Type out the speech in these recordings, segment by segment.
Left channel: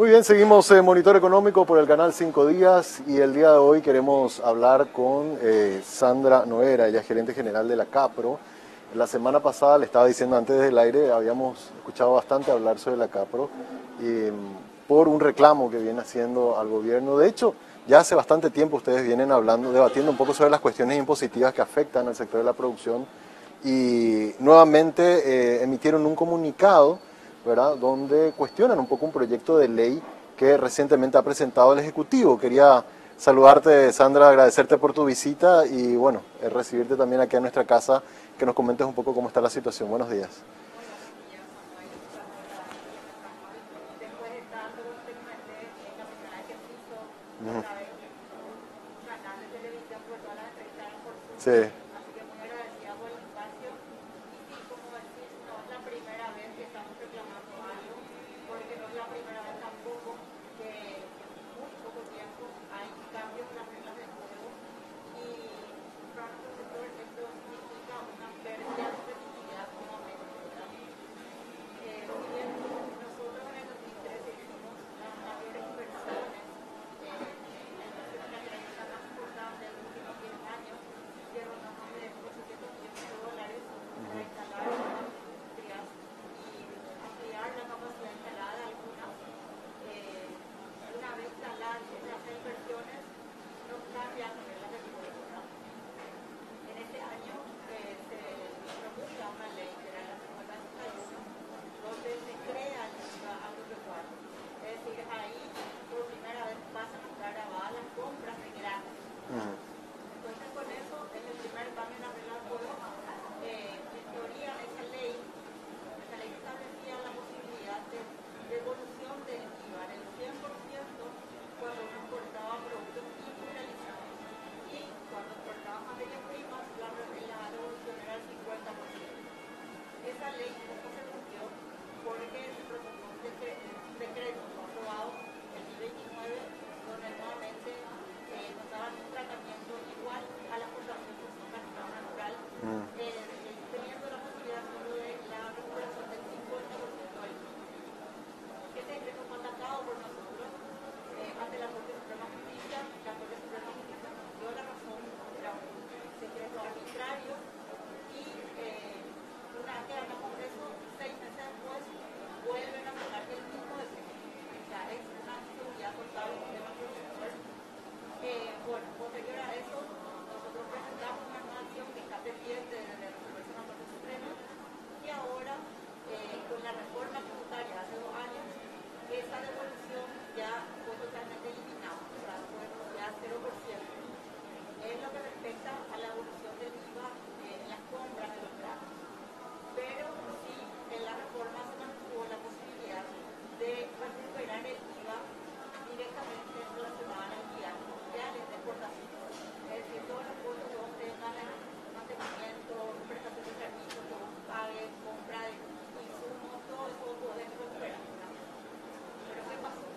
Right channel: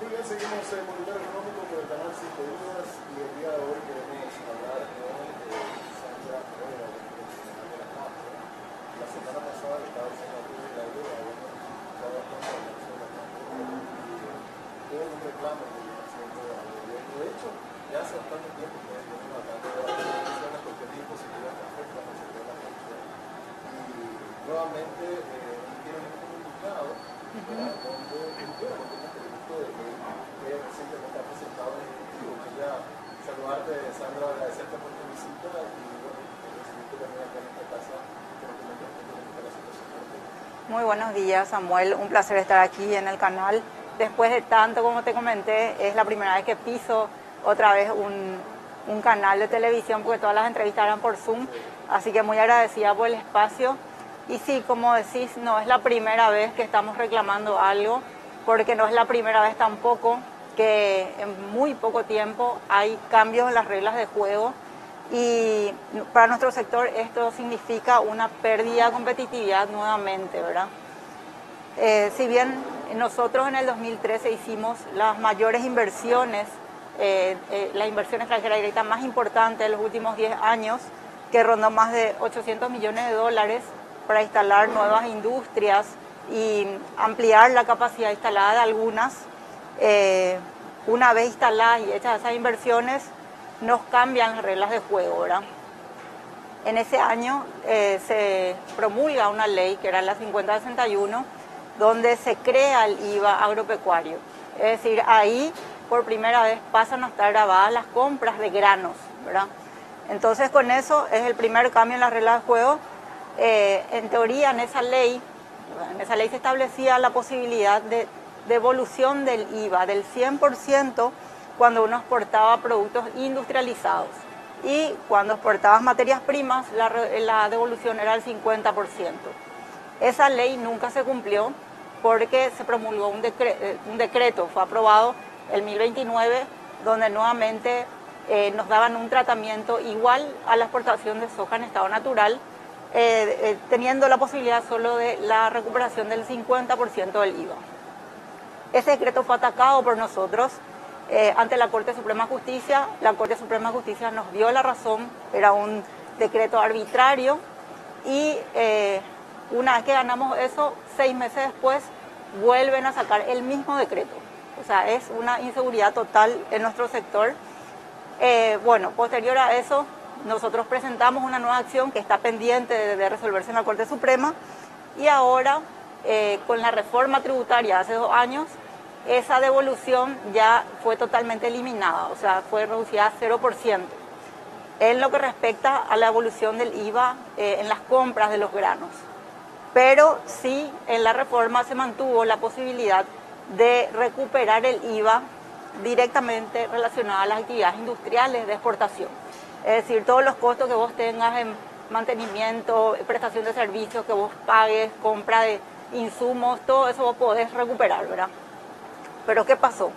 Muy bien, seguimos en Monitor Económico por el canal 5 Días y el día de hoy queremos hablar con Sandra Noguera, ella es gerente general de la Capro. La semana pasada, le estaba diciendo antes del aire, habíamos escuchado bastante hablar sobre la Capro por un reclamo que viene haciendo al gobierno. De hecho, ya hace bastante tiempo ustedes vienen hablando, debatiendo un poco sobre las cuestiones impositivas que afectan al sector de la producción y nuevamente emitieron un comunicado, ¿verdad?, donde cuestionan un poco un proyecto de ley que recientemente ha presentado el Ejecutivo. Quería saludarte, Sandra, agradecerte por tu visita y bueno, recibirte también aquí a nuestra casa, que nos comentes un poco cómo está la situación. Buenos días. Muy buenos días, Samuel. Un placer estar aquí en el canal. Después de tanto, como te comenté, es la primera vez que piso otra vez un canal de televisión, porque todas las entrevistas eran por Zoom. Sí. Así que muy agradecida por el espacio. Y sí, como decís, no es la primera vez que estamos reclamando algo, porque no es la primera vez tampoco que en muy poco tiempo hay cambios en las reglas de juego. Y para nuestro sector esto significa una pérdida de competitividad nuevamente, ¿verdad? Si bien nosotros en el 2013 hicimos las mayores inversiones, la inversión extranjera directa más importante de los últimos 10 años, que rondó más de 800 millones de dólares para instalar nuevas industrias y ampliar la capacidad instalada de algunas, una vez instaladas y hechas esas inversiones, nos cambian las reglas de juego, ¿verdad? En ese año se promulga una ley, que era la 5061, donde se crea el IVA agropecuario. Es decir, ahí por primera vez pasan a estar grabadas las compras de granos, ¿verdad? Entonces con eso es el primer cambio en las reglas de juego. En teoría en esa ley se establecía la posibilidad de devolución del IVA del 100% cuando uno exportaba productos industrializados. Y cuando exportabas materias primas, la devolución era del 50%. Esa ley nunca se cumplió porque se promulgó un decreto, fue aprobado el 1029, donde nuevamente nos daban un tratamiento igual a la exportación de soja en estado natural, teniendo la posibilidad solo de la recuperación del 50% del IVA. Ese decreto fue atacado por nosotros ante la Corte Suprema de Justicia. La Corte Suprema de Justicia nos dio la razón, era un decreto arbitrario y una vez que ganamos eso, 6 meses después vuelven a sacar el mismo decreto. O sea, es una inseguridad total en nuestro sector. Bueno, posterior a eso, nosotros presentamos una nueva acción que está pendiente de resolverse en la Corte Suprema y ahora, con la reforma tributaria hace 2 años, esa devolución ya fue totalmente eliminada, o sea, fue reducida a 0%. En lo que respecta a la evolución del IVA en las compras de los granos. Pero sí, en la reforma se mantuvo la posibilidad de recuperar el IVA directamente relacionado a las actividades industriales de exportación. Es decir, todos los costos que vos tengas en mantenimiento, prestación de servicios, que vos pagues, compra de insumos, todo eso vos podés recuperar, ¿verdad? Pero ¿qué pasó?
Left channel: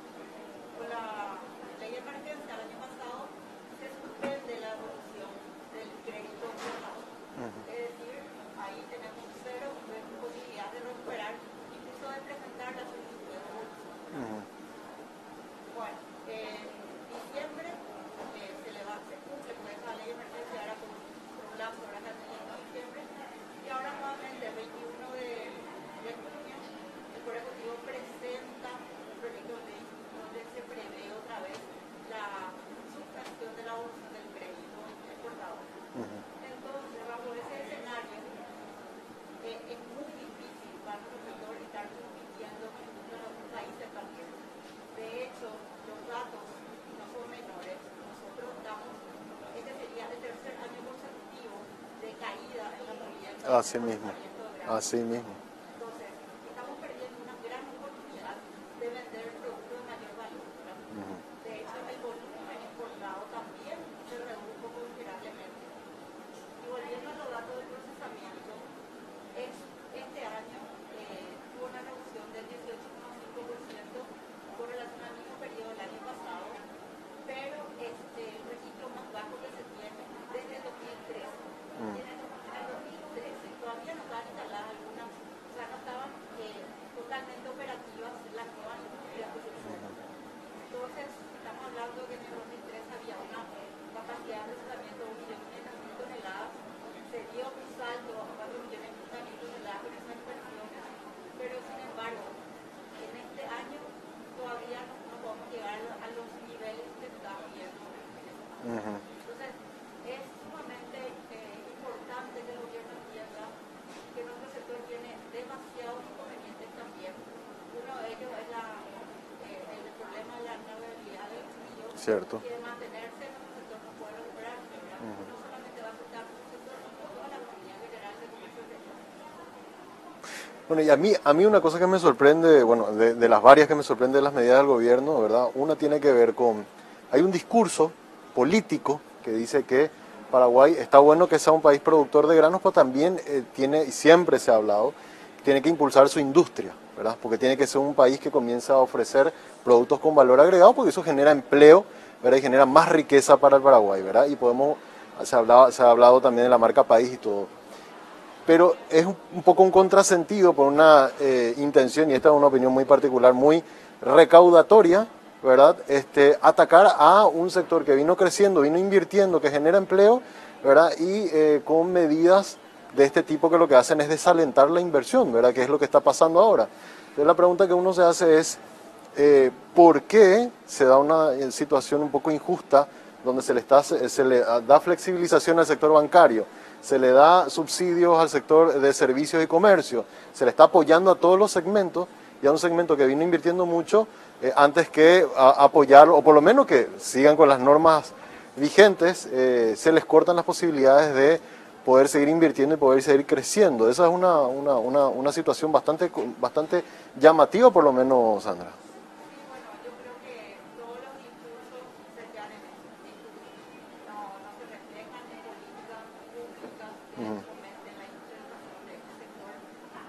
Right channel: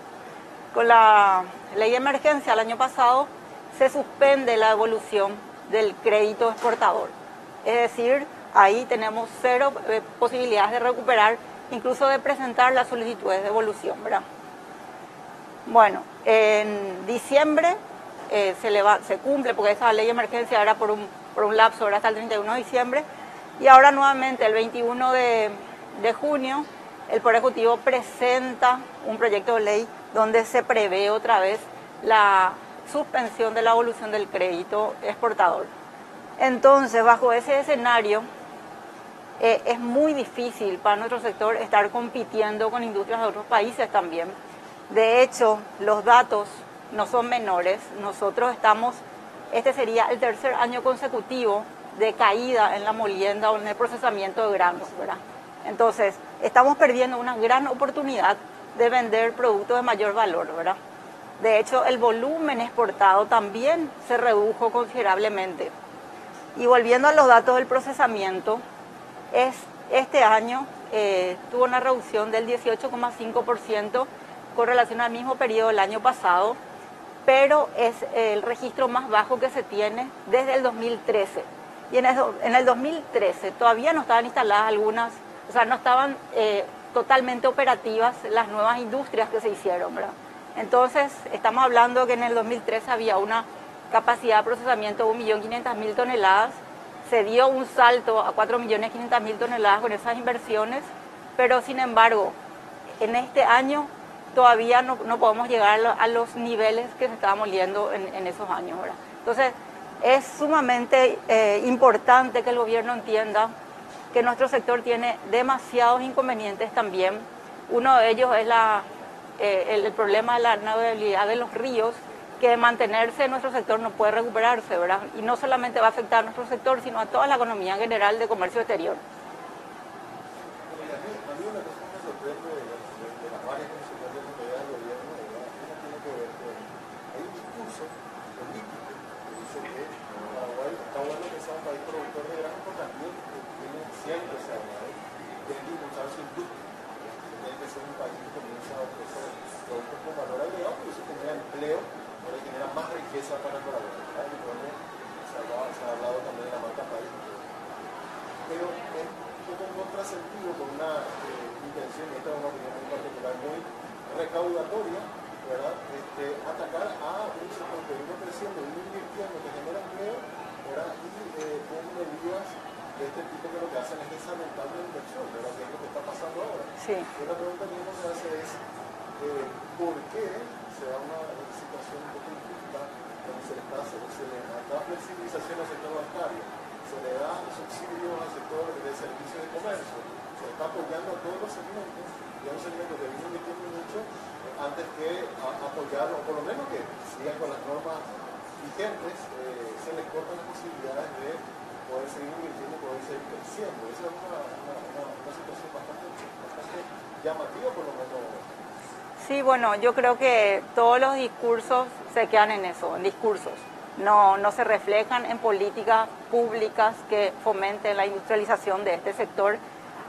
Con la ley de emergencia el año pasado se suspende la devolución del crédito exportador. Es decir, ahí tenemos 0 posibilidades de recuperar, incluso de presentar las solicitudes de devolución, ¿verdad? Bueno, en diciembre se cumple, porque esa ley de emergencia era por un lapso, era hasta el 31 de diciembre, y ahora nuevamente el 21 de junio el Poder Ejecutivo presenta un proyecto de ley donde se prevé otra vez la suspensión de la devolución del crédito exportador. Entonces, bajo ese escenario, es muy difícil para nuestro sector estar compitiendo con industrias de otros países también. De hecho, los datos no son menores. Nosotros este sería el 3er año consecutivo de caída en la molienda o en el procesamiento de granos, ¿verdad? Entonces, estamos perdiendo una gran oportunidad de vender productos de mayor valor, ¿verdad? De hecho, el volumen exportado también se redujo considerablemente. Y volviendo a los datos del procesamiento, este año tuvo una reducción del 18,5% con relación al mismo periodo del año pasado, pero es el registro más bajo que se tiene desde el 2013. Y en el 2013 todavía no estaban instaladas algunas, o sea, no estaban totalmente operativas las nuevas industrias que se hicieron, ¿verdad? Entonces, estamos hablando que en el 2013 había una capacidad de procesamiento de 1.500.000 toneladas, se dio un salto a 4.500.000 toneladas con esas inversiones, pero sin embargo, en este año todavía no podemos llegar a los niveles que se estaban moliendo en esos años, ¿verdad? Entonces, es sumamente importante que el gobierno entienda que nuestro sector tiene demasiados inconvenientes también. Uno de ellos es el problema de la navegabilidad de los ríos, Cierto. que de mantenerse nuestro sector no puede recuperarse, ¿verdad? Y no solamente va a afectar a nuestro sector, sino a toda la economía en general de comercio exterior. Bueno, y a mí una cosa que me sorprende, bueno, de las varias que me sorprende de las medidas del gobierno, ¿verdad? Una tiene que ver con, hay un discurso político que dice que Paraguay está bueno que sea un país productor de granos, pero también tiene, y siempre se ha hablado, tiene que impulsar su industria, ¿verdad? Porque tiene que ser un país que comience a ofrecer productos con valor agregado, porque eso genera empleo, ¿verdad? Y genera más riqueza para el Paraguay, ¿verdad? Y se ha hablado también de la marca país y todo. Pero es un poco un contrasentido por una intención, y esta es una opinión muy particular, muy recaudatoria, ¿verdad? Atacar a un sector que vino creciendo, vino invirtiendo, que genera empleo, ¿verdad? Y con medidas de este tipo que lo que hacen es desalentar la inversión, ¿verdad? Que es lo que está pasando ahora. Sí. Entonces la pregunta que uno se hace es, ¿por qué se da una situación un poco injusta donde se le da flexibilización al sector bancario? Se le da subsidios al sector de servicios y comercio, se le está apoyando a todos los segmentos, y a un segmento que vino invirtiendo mucho, antes que apoyarlo, o por lo menos que sigan con las normas vigentes, se les cortan las posibilidades de poder seguir invirtiendo y poder seguir creciendo. Esa es una situación bastante llamativa, por lo menos, Sandra. Sí, bueno, yo creo que todos los discursos se quedan en eso, en discursos. No se reflejan en políticas públicas que fomenten la industrialización de este sector,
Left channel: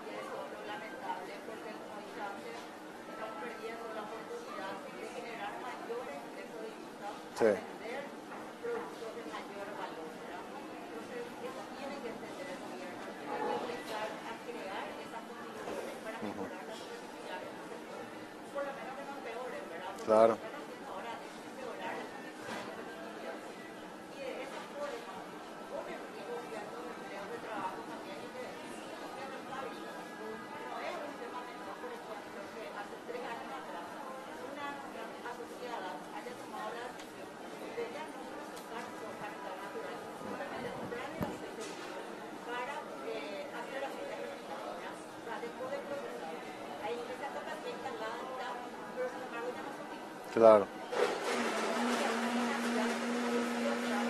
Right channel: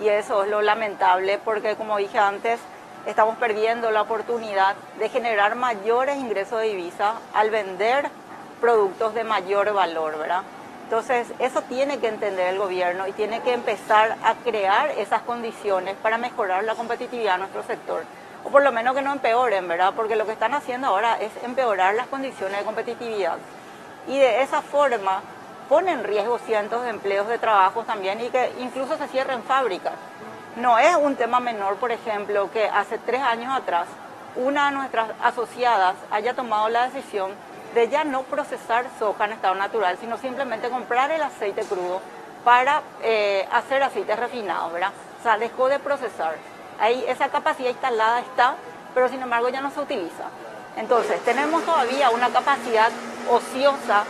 y eso es lo lamentable, porque como dije antes, estamos perdiendo la oportunidad de generar mayores ingresos de divisa al vender productos de mayor valor, ¿verdad? Entonces, eso tiene que entender el gobierno y tiene que empezar a crear esas condiciones para mejorar la competitividad de nuestro sector. O por lo menos que no empeoren, ¿verdad? Porque Claro. lo que están haciendo ahora es empeorar las condiciones de competitividad. Y de esa forma pone en riesgo cientos de empleos de trabajo también, y que incluso se cierren fábricas. No es un tema menor, por ejemplo, que hace 3 años atrás una de nuestras asociadas haya tomado la decisión de ya no procesar soja en estado natural, sino simplemente comprar el aceite crudo para hacer aceites refinados, ¿verdad? O sea, dejó de procesar. Ahí esa capacidad instalada está, pero sin embargo ya no se utiliza. Claro. Entonces, tenemos todavía una capacidad ociosa.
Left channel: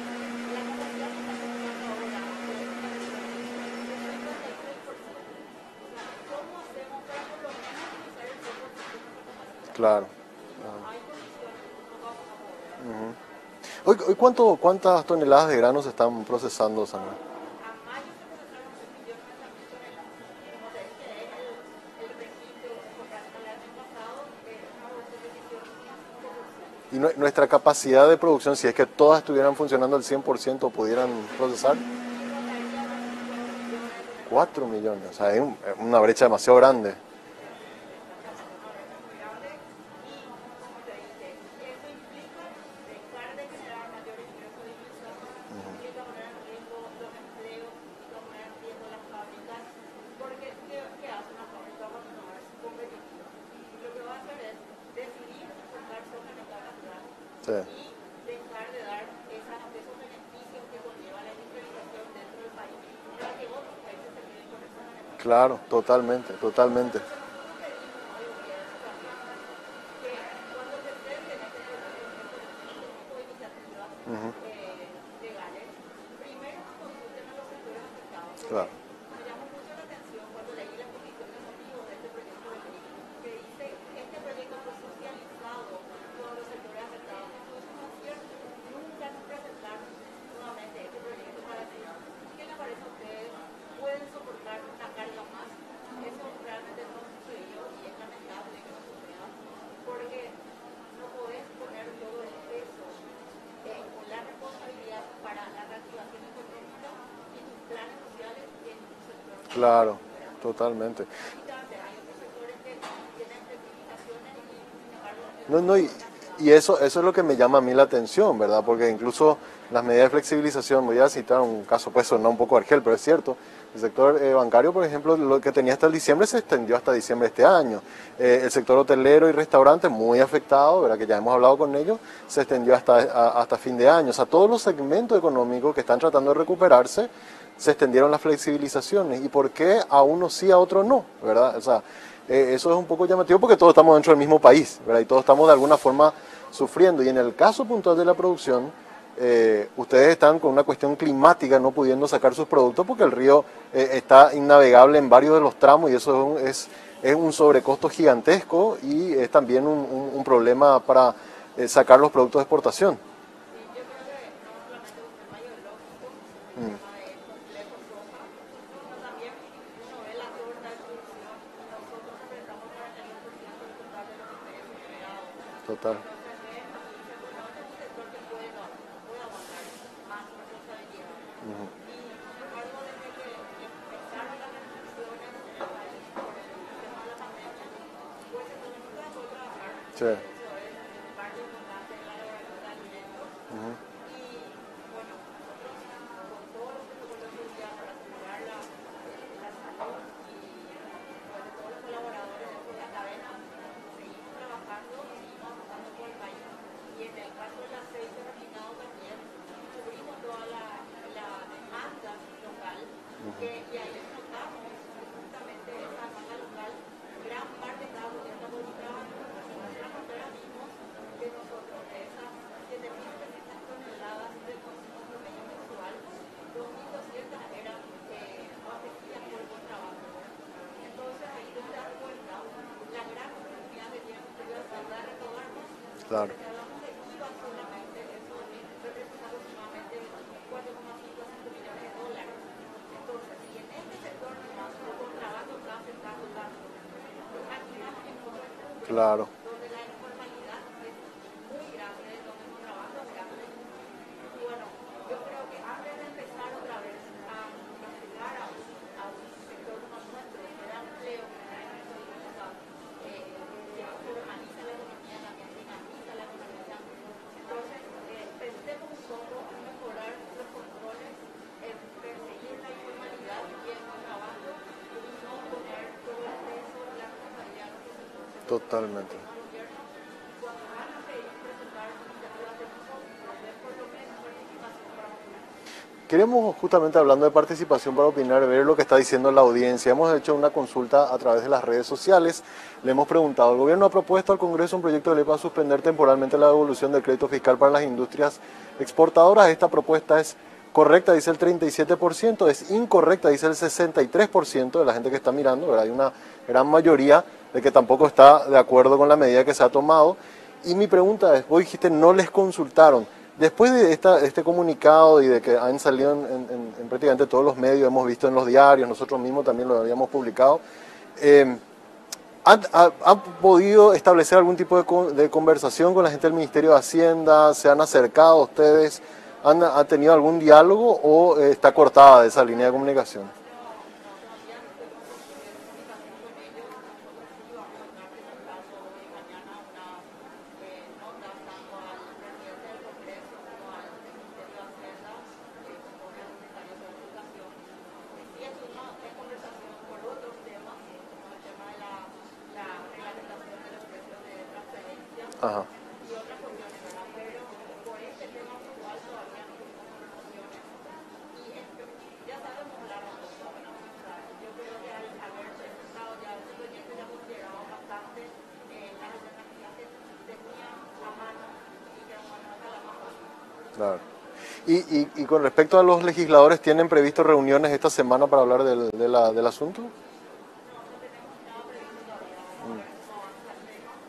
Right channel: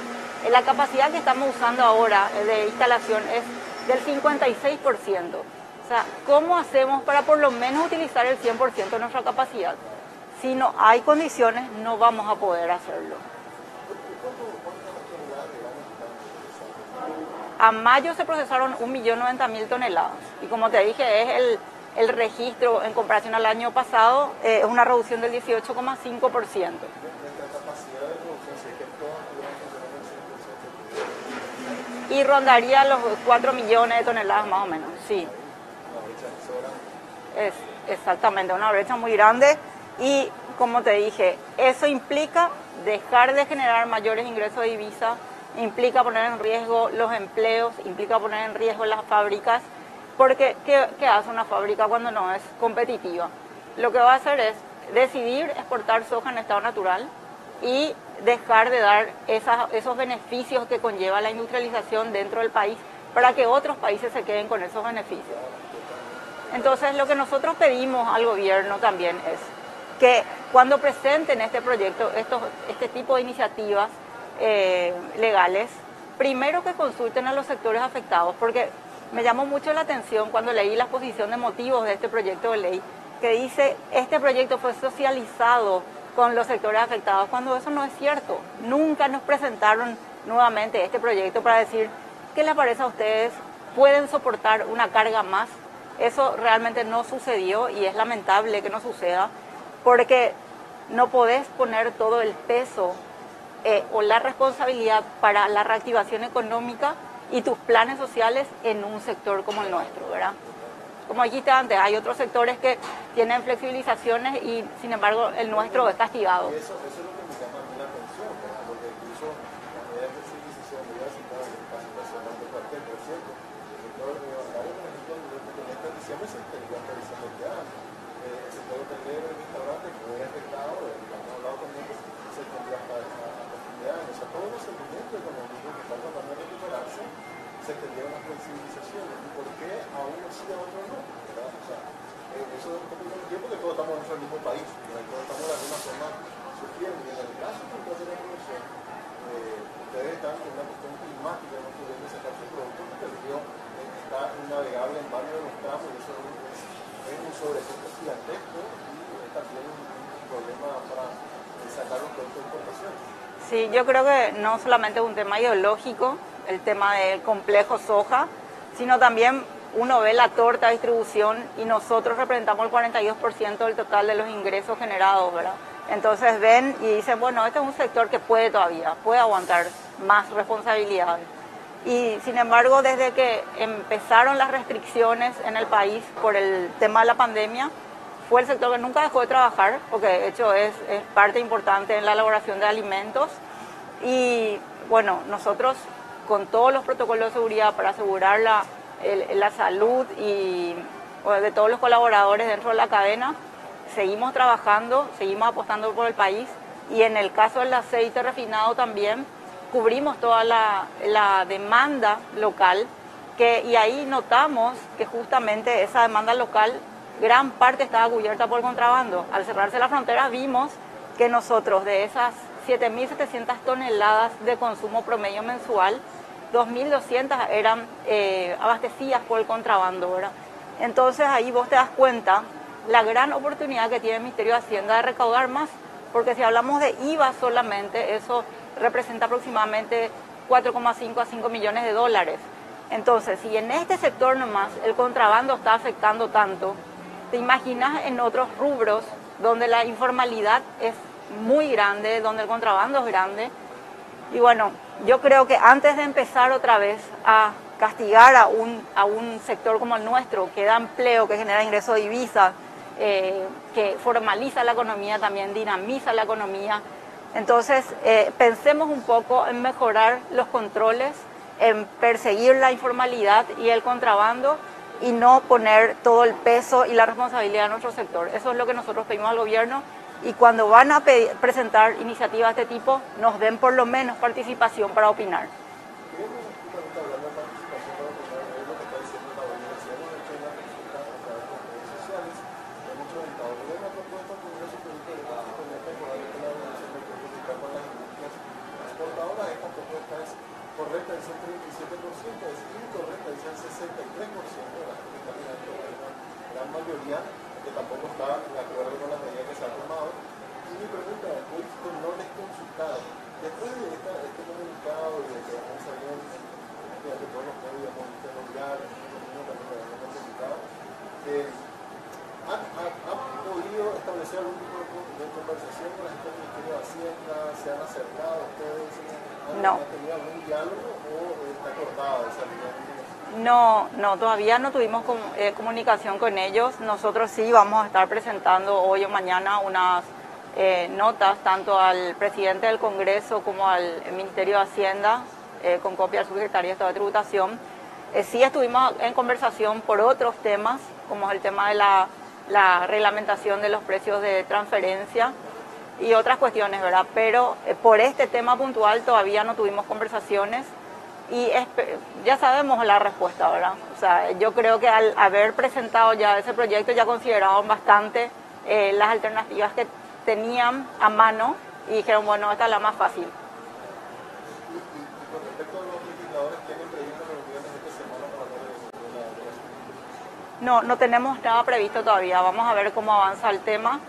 La capacidad que estamos usando ahora de instalación es del 56%. O sea, ¿cómo hacemos para por lo menos utilizar el 100% de nuestra capacidad? Claro. Si no hay condiciones, no vamos a poder hacerlo. Hoy ¿cuántas toneladas de granos se están procesando, Sandra? A mayo se procesaron 1.090.000 toneladas. Y como te dije, es el registro en comparación al año pasado, es una reducción del 18,5%. Y nuestra capacidad de producción, si es que todas estuvieran funcionando al 100%, pudieran procesar. Y rondaría los 4 millones de toneladas más o menos. Sí. O sea, hay una brecha demasiado grande. Es exactamente, una brecha muy grande, y como te dije, eso implica dejar de generar mayores ingresos de divisa, implica poner en riesgo los empleos, implica poner en riesgo las fábricas, porque ¿qué hace una fábrica cuando no es competitiva? Lo que va a hacer es decidir exportar soja en estado natural, Sí. y dejar de dar esos beneficios que conlleva la industrialización dentro del país, para que otros países se queden con esos beneficios. Claro, totalmente. Entonces, lo que nosotros pedimos al gobierno también es que cuando presenten este proyecto, este tipo de iniciativas legales, primero que consulten a los sectores afectados, porque me llamó mucho la atención cuando leí la exposición de motivos de este proyecto de ley, que dice, este proyecto fue socializado con los sectores afectados, cuando eso no es cierto. Nunca nos presentaron nuevamente este proyecto para decir, ¿qué les parece a ustedes? ¿Pueden soportar una carga más? Eso realmente no sucedió, y es lamentable que no suceda, porque no podés poner todo el peso o la responsabilidad para la reactivación económica y tus planes sociales en un sector como el Claro, nuestro, ¿verdad? totalmente. Como dijiste antes, hay otros sectores que tienen flexibilizaciones y sin embargo el No, no, nuestro es castigado. y eso es lo que me llama a mí la atención, ¿verdad? Porque incluso las medidas de flexibilización, voy a citar un caso, pues suena un poco argel, pero es cierto. El sector bancario, por ejemplo, lo que tenía hasta el diciembre se extendió hasta diciembre de este año. El sector hotelero y restaurante, muy afectado, ¿verdad? Que ya hemos hablado con ellos, se extendió hasta fin de año. O sea, todos los segmentos económicos que están tratando de recuperarse, se extendieron las flexibilizaciones. ¿Y por qué a uno sí, a otro no? ¿Verdad? O sea, eso es un poco llamativo porque todos estamos dentro del mismo país, ¿verdad? Y todos estamos de alguna forma sufriendo. Y en el caso puntual de la producción, ustedes están con una cuestión climática, no pudiendo sacar sus productos porque el río está innavegable en varios de los tramos y eso es un sobrecosto gigantesco y es también un problema para sacar los productos de exportación. Sí, yo creo que no solamente es un tema ideológico, el tema del complejo soja, sino también uno ve la torta de distribución y nosotros representamos el 42% del total de los ingresos generados, ¿verdad? Total. Entonces ven y dicen, bueno, este es un sector que puede todavía, puede aguantar más responsabilidades. Y sin embargo, desde que empezaron las restricciones en el país por el tema de la pandemia, fue el sector que nunca dejó de trabajar, porque de hecho es parte importante en la elaboración de alimentos. Y bueno, nosotros con todos los protocolos de seguridad para asegurar la salud y de todos los colaboradores dentro de la cadena, seguimos trabajando, seguimos apostando por el país y en el caso del aceite refinado también cubrimos toda la demanda local y ahí notamos que justamente esa demanda local gran parte estaba cubierta por contrabando. Al cerrarse la frontera vimos que nosotros de esas 7.700 toneladas de consumo promedio mensual, 2.200 eran abastecidas por el contrabando, ¿verdad? Entonces ahí vos te das cuenta la gran oportunidad que tiene el Ministerio de Hacienda de recaudar más, porque si hablamos de IVA solamente, eso representa aproximadamente 4,5 a 5 millones de dólares. Entonces, si en este sector nomás el contrabando está afectando tanto, te imaginas en otros rubros donde la informalidad es muy grande, donde el contrabando es grande. Y bueno, yo creo que antes de empezar otra vez a castigar a un sector como el nuestro, que da empleo, que genera ingresos de divisas, que formaliza la economía también, dinamiza la economía, entonces pensemos un poco en mejorar los controles, en perseguir la informalidad y el contrabando y no poner todo el peso y la responsabilidad de nuestro sector. Eso es lo que nosotros pedimos al gobierno. Y cuando van a presentar iniciativas de este tipo, nos den por lo menos participación para opinar. Queremos, justamente hablando de participación para opinar, ver lo que está diciendo la audiencia. Hemos hecho una consulta a través de las redes sociales. Le hemos preguntado, el gobierno ha propuesto al Congreso un proyecto de ley para suspender temporalmente la devolución del crédito fiscal para las industrias exportadoras. Esta propuesta es correcta, dice el 37%, es incorrecta, dice el 63% de la gente que está mirando, ¿verdad? Hay una gran mayoría de que tampoco está de acuerdo con la medida que se ha tomado. Y mi pregunta es, vos dijiste no les consultaron. Después de este comunicado y de que han salido en prácticamente todos los medios, hemos visto en los diarios, nosotros mismos también lo habíamos publicado, ¿han podido establecer algún tipo de conversación con la gente del Ministerio de Hacienda? ¿Se han acercado a ustedes? ¿Ha tenido algún diálogo o está cortada esa línea de comunicación? No, todavía no tuvimos comunicación con ellos. Nosotros sí vamos a estar presentando hoy o mañana unas notas tanto al presidente del Congreso como al Ministerio de Hacienda, con copia al subsecretario de Estado de Tributación. Sí estuvimos en conversación por otros temas, como es el tema de la reglamentación de los precios de transferencia. Ajá. Y otras cuestiones, ¿verdad? Pero por este tema puntual todavía no tuvimos conversaciones y ya sabemos la respuesta, ¿verdad? O sea, yo creo que al haber presentado ya ese proyecto ya consideraron bastante las alternativas que tenían a mano y dijeron, bueno, esta es la más fácil. Claro. Y con respecto a los legisladores, ¿tienen previsto reuniones esta semana para hablar del asunto? No tenemos nada previsto todavía. Vamos a ver cómo avanza el tema.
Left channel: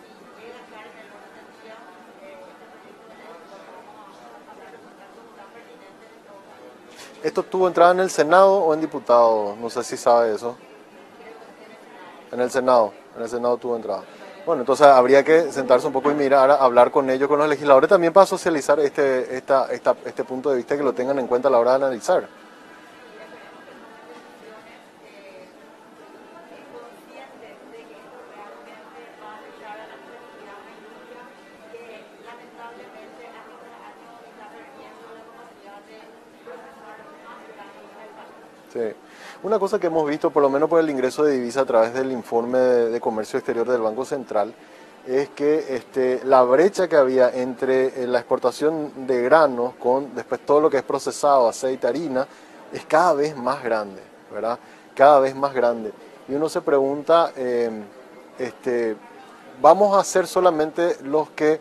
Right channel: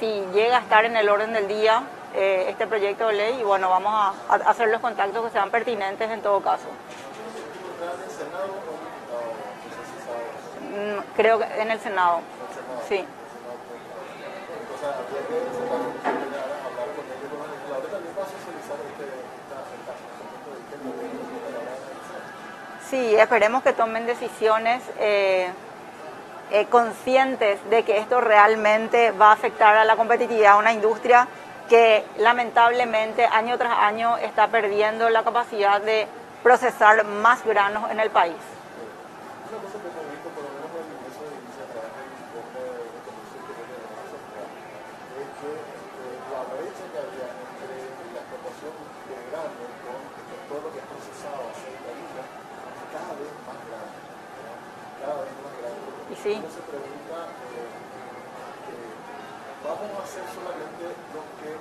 Si llega a estar en el orden del día este proyecto de ley y bueno, vamos a hacer los contactos que sean pertinentes en todo caso. ¿Esto tuvo entrada en el Senado o en diputados? No sé si sabe eso. Creo que en el Senado. ¿En el Senado? Sí. En el Senado tuvo entrada. Bueno, entonces habría que sentarse un poco y mirar, hablar con ellos, con los legisladores también para socializar este punto de vista, que lo tengan en cuenta a la hora de analizar. Sí, esperemos que tomen decisiones conscientes de que esto realmente va a afectar a la competitividad de una industria que lamentablemente año tras año está perdiendo la capacidad de procesar más granos en el país. Sí. Una cosa que hemos visto, por lo menos por el ingreso de divisa a través del informe de comercio exterior del Banco Central, es que la brecha que había entre la exportación de granos con después todo lo que es procesado, aceite, harina, es cada vez más grande, ¿verdad? Cada vez más grande. Sí. Y uno se pregunta, ¿vamos a ser solamente los que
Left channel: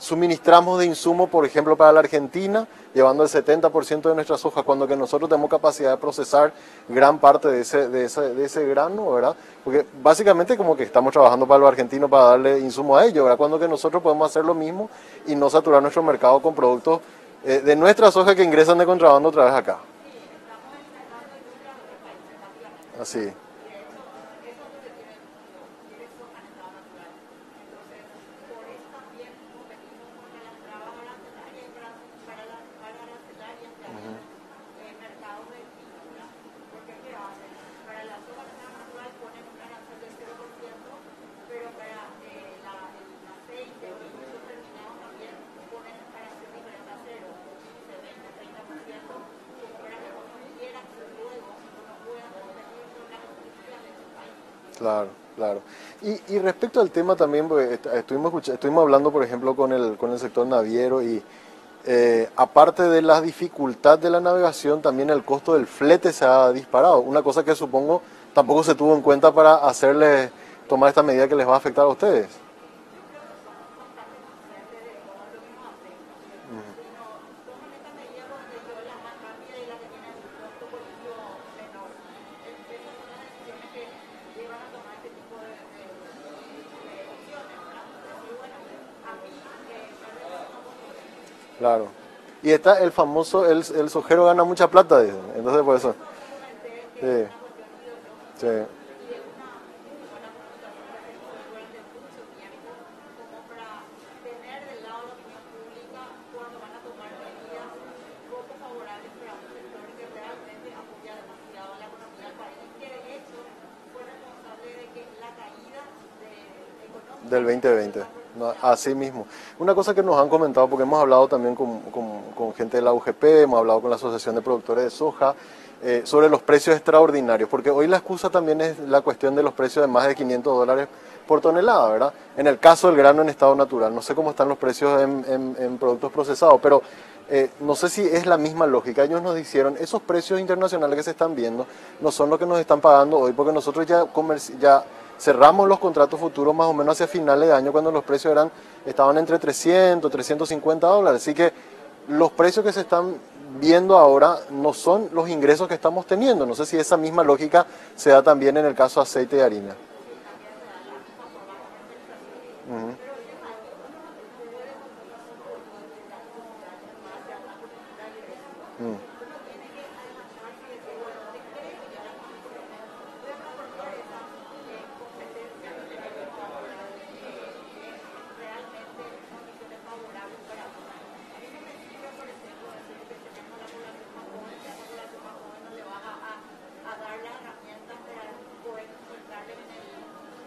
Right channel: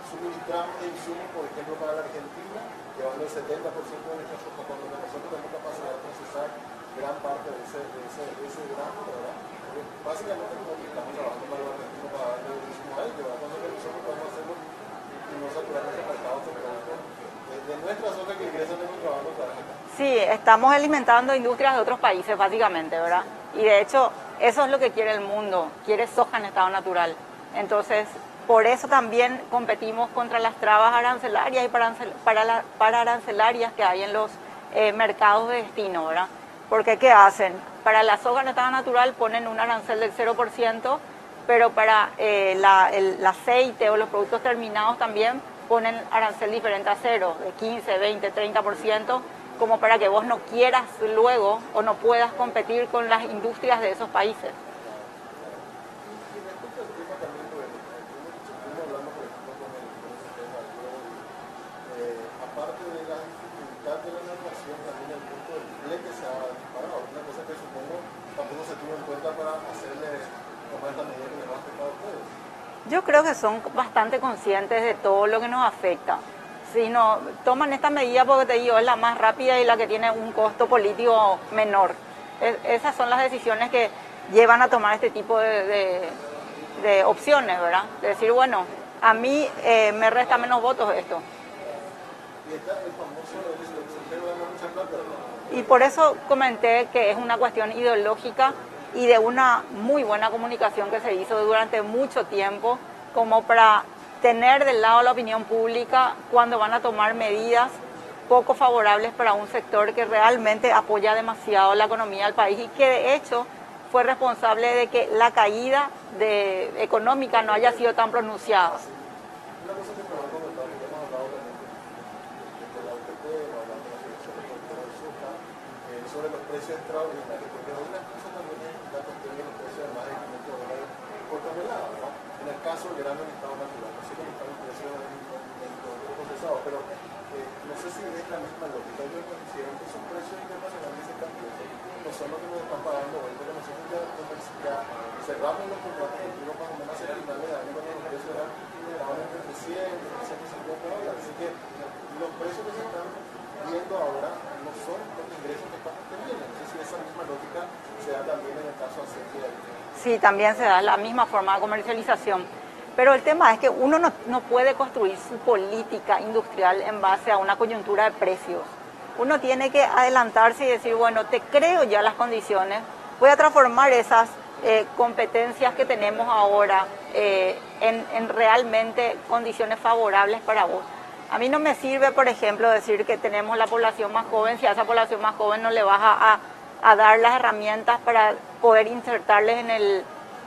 suministramos de insumo, por ejemplo, para la Argentina, llevando el 70% de nuestra soja, cuando que nosotros tenemos capacidad de procesar gran parte de ese grano, ¿verdad? Porque básicamente como que estamos trabajando para los argentinos para darle insumo a ellos, ¿verdad? Cuando que nosotros podemos hacer lo mismo y no saturar nuestro mercado con productos de nuestra soja que ingresan de contrabando otra vez acá. Sí, estamos alimentando industrias de otros países básicamente, ¿verdad? Sí. Y de hecho, eso es lo que quiere el mundo, quiere soja en estado natural. Entonces, por eso también competimos contra las trabas arancelarias y para arancelarias que hay en los mercados de destino, ¿verdad? Porque ¿qué hacen? Para la soja en estado natural ponen un arancel del 0%, pero para el aceite o los productos terminados también ponen arancel diferente a cero, de 15, 20, 30%, como para que vos no quieras luego o no puedas competir con las industrias de esos países. Claro, claro. Y respecto al tema también, porque estuvimos hablando, por ejemplo, con el sector naviero y aparte de la dificultad de la navegación, también el costo del flete se ha disparado. Una cosa que supongo tampoco se tuvo en cuenta para hacerles tomar esta medida que les va a afectar a ustedes. Yo creo que son bastante conscientes de todo lo que nos afecta. Si no toman esta medida, porque te digo, es la más rápida y la que tiene un costo político menor. Esas son las decisiones que llevan a tomar este tipo de opciones, ¿verdad? De decir, bueno, a mí me resta menos votos esto. Claro. Y está el famoso, el sojero gana mucha plata, digamos. Entonces, y por eso comenté que sí, es una cuestión ideológica, sí, y de una muy buena comunicación que se hizo durante mucho tiempo, como para tener del lado la opinión pública cuando van a tomar medidas poco favorables para un sector que realmente apoya demasiado la economía del país y que de hecho fue responsable de que la caída económica no haya sido tan pronunciada. No, así mismo. Una cosa que nos han comentado, porque hemos hablado también con gente de la UGP, hemos hablado con la Asociación de Productores de Soja, sobre los precios extraordinarios, porque hoy la excusa también es la cuestión de los precios de más de $500 por tonelada, ¿verdad? En el caso del grano en estado natural, no sé cómo están los precios en productos procesados, pero no sé si es la misma lógica. Ellos nos dijeron, esos precios internacionales que se están viendo no son los que nos están pagando hoy, porque nosotros ya cerramos los contratos futuros más o menos hacia finales de año, cuando los precios estaban entre $300, $350, así que los precios que se están viendo ahora no son los ingresos que estamos teniendo. No sé si esa misma lógica se da también en el caso de aceite y harina. Sí, también se da la misma forma de comercialización. Pero el tema es que uno no puede construir su política industrial en base a una coyuntura de precios. Uno tiene que adelantarse y decir, bueno, te creo ya las condiciones, voy a transformar esas competencias que tenemos ahora en realmente condiciones favorables para vos. A mí no me sirve, por ejemplo, decir que tenemos la población más joven, si a esa población más joven no le vas a dar las herramientas para poder insertarles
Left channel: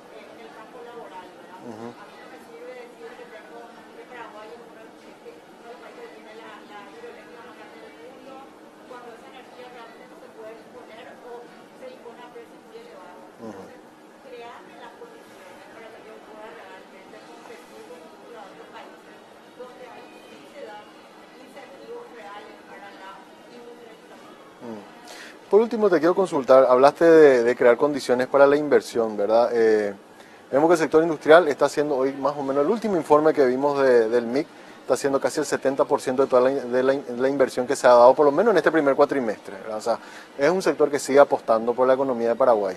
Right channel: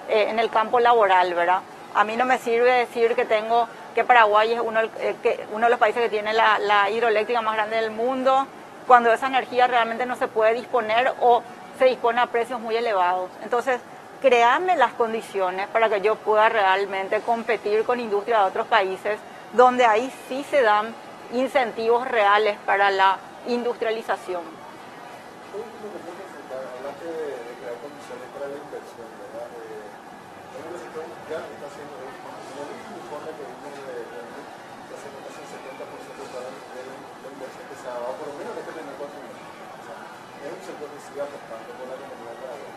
en el campo laboral, ¿verdad? A mí no me sirve decir que Paraguay es uno de los países que tiene la hidroeléctrica más grande del mundo, cuando esa energía realmente no se puede disponer o se dispone a precios muy elevados. Entonces, créame las condiciones para que yo pueda realmente competir con industrias de otros países, donde ahí sí se dan incentivos reales para la industrialización. Por último, te quiero consultar, hablaste de crear condiciones para la inversión, ¿verdad? Vemos que el sector industrial está haciendo hoy más o menos, el último informe que vimos del MIC, está haciendo casi el 70% de toda la inversión que se ha dado, por lo menos en este primer cuatrimestre, ¿verdad? O sea, es un sector que sigue apostando por la economía de Paraguay.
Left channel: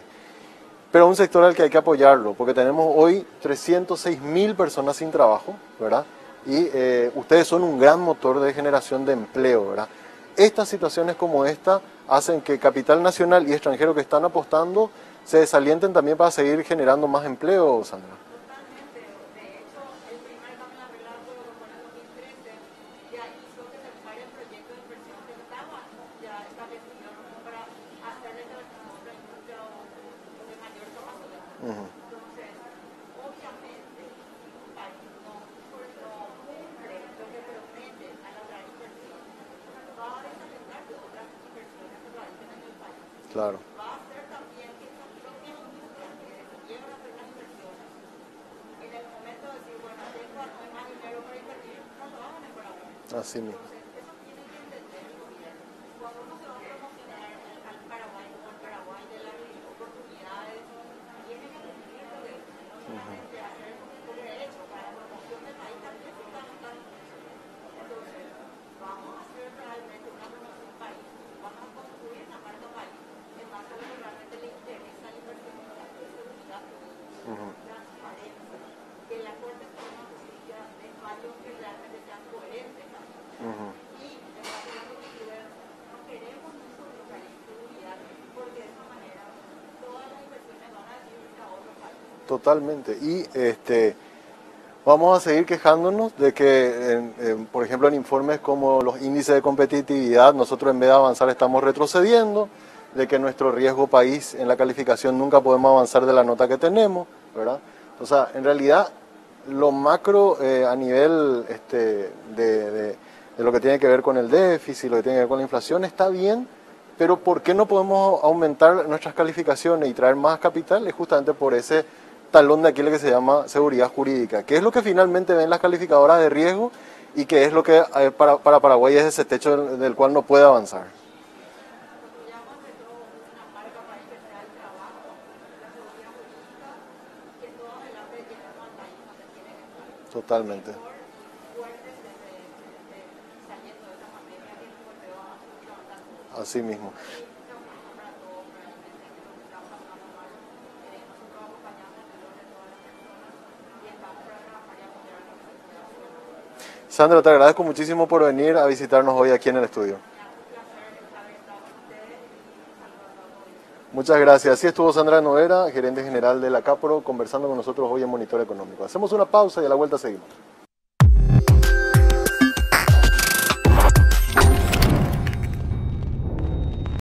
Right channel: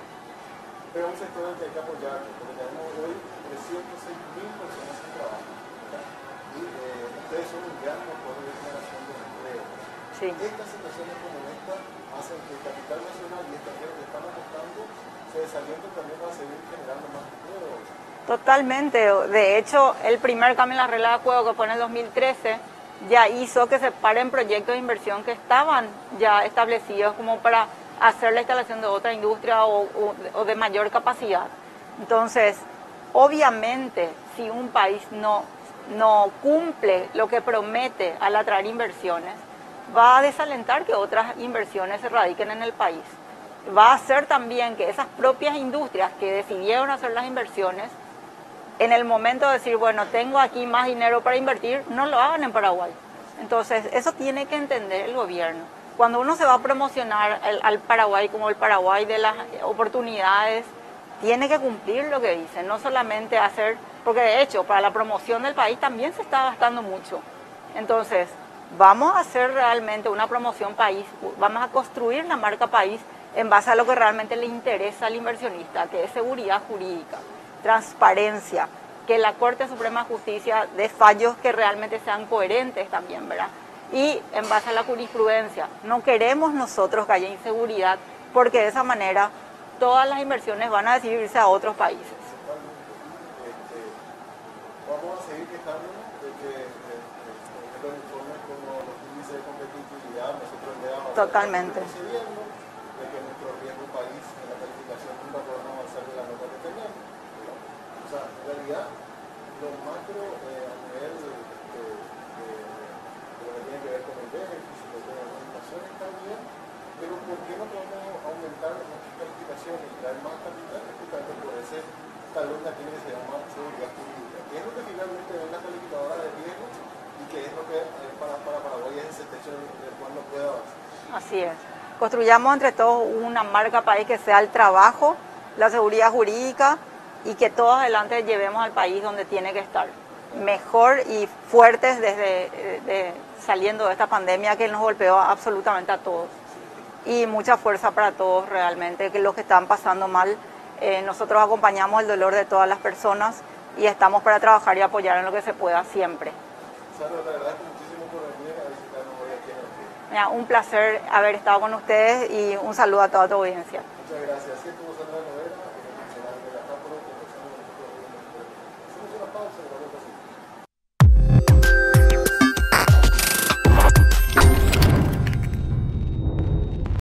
Pero es un sector al que hay que apoyarlo, porque tenemos hoy 306.000 personas sin trabajo, ¿verdad? Y ustedes son un gran motor de generación de empleo, ¿verdad? Sí. Estas situaciones como esta hacen que capital nacional y extranjero que están apostando se desalienten también para seguir generando más empleo, Sandra. Totalmente. De hecho, el primer cambio en la regla de juego que fue en el 2013 ya hizo que se paren proyectos de inversión que estaban ya establecidos como para hacer la instalación de otra industria o de mayor capacidad. Entonces, obviamente, si un país no cumple lo que promete al atraer inversiones, va a desalentar que otras inversiones se radiquen en el país. Claro. Va a hacer también que esas propias industrias que decidieron hacer las inversiones, en el momento de decir, bueno, tengo aquí más dinero para invertir, no lo hagan en Paraguay. Entonces, eso tiene que entender el gobierno. Cuando uno se va a promocionar al Paraguay como el Paraguay de las oportunidades, tiene que cumplir lo que dice, no solamente hacer, porque de hecho, para la promoción del país también se está gastando mucho. Entonces, vamos a hacer realmente una promoción país, vamos a construir la marca país en base a lo que realmente le interesa al inversionista, que es seguridad jurídica, transparencia, que la Corte Suprema de Justicia dé fallos que realmente sean coherentes también, ¿verdad? Y en base a la jurisprudencia, no queremos nosotros que haya inseguridad, porque de esa manera todas las inversiones van a decidir irse a otros países. Totalmente. Y vamos a seguir quejándonos de que, por ejemplo, en informes como los índices de competitividad, nosotros en vez de avanzar estamos retrocediendo, de que nuestro riesgo país en la calificación nunca podemos avanzar de la nota que tenemos, ¿verdad? O sea, en realidad, lo macro a nivel de lo que tiene que ver con el déficit, lo que tiene que ver con la inflación, está bien, pero ¿por qué no podemos aumentar nuestras calificaciones y traer más capital? Es justamente por ese talón de Aquiles que se llama seguridad jurídica, que es lo que finalmente ven las calificadoras de riesgo y que es lo que para Paraguay es ese techo del cual no puede avanzar. Así es. Construyamos entre todos una marca país que sea el trabajo, la seguridad jurídica y que todos adelante llevemos al país donde tiene que estar. Totalmente. Mejor y fuertes desde saliendo de esta pandemia que nos golpeó absolutamente a todos. Así mismo. Y mucha fuerza para todos realmente, que los que están pasando mal. Nosotros acompañamos el dolor de todas las personas y estamos para trabajar y apoyar en lo que se pueda siempre. Sandra, te agradezco muchísimo por venir a visitarnos hoy aquí en el estudio. Un placer haber estado con ustedes y un saludo a toda tu audiencia. Muchas gracias. Así estuvo Sandra Noguera, gerente general de la CAPRO, conversando con nosotros hoy en Monitor Económico. Hacemos una pausa y a la vuelta seguimos.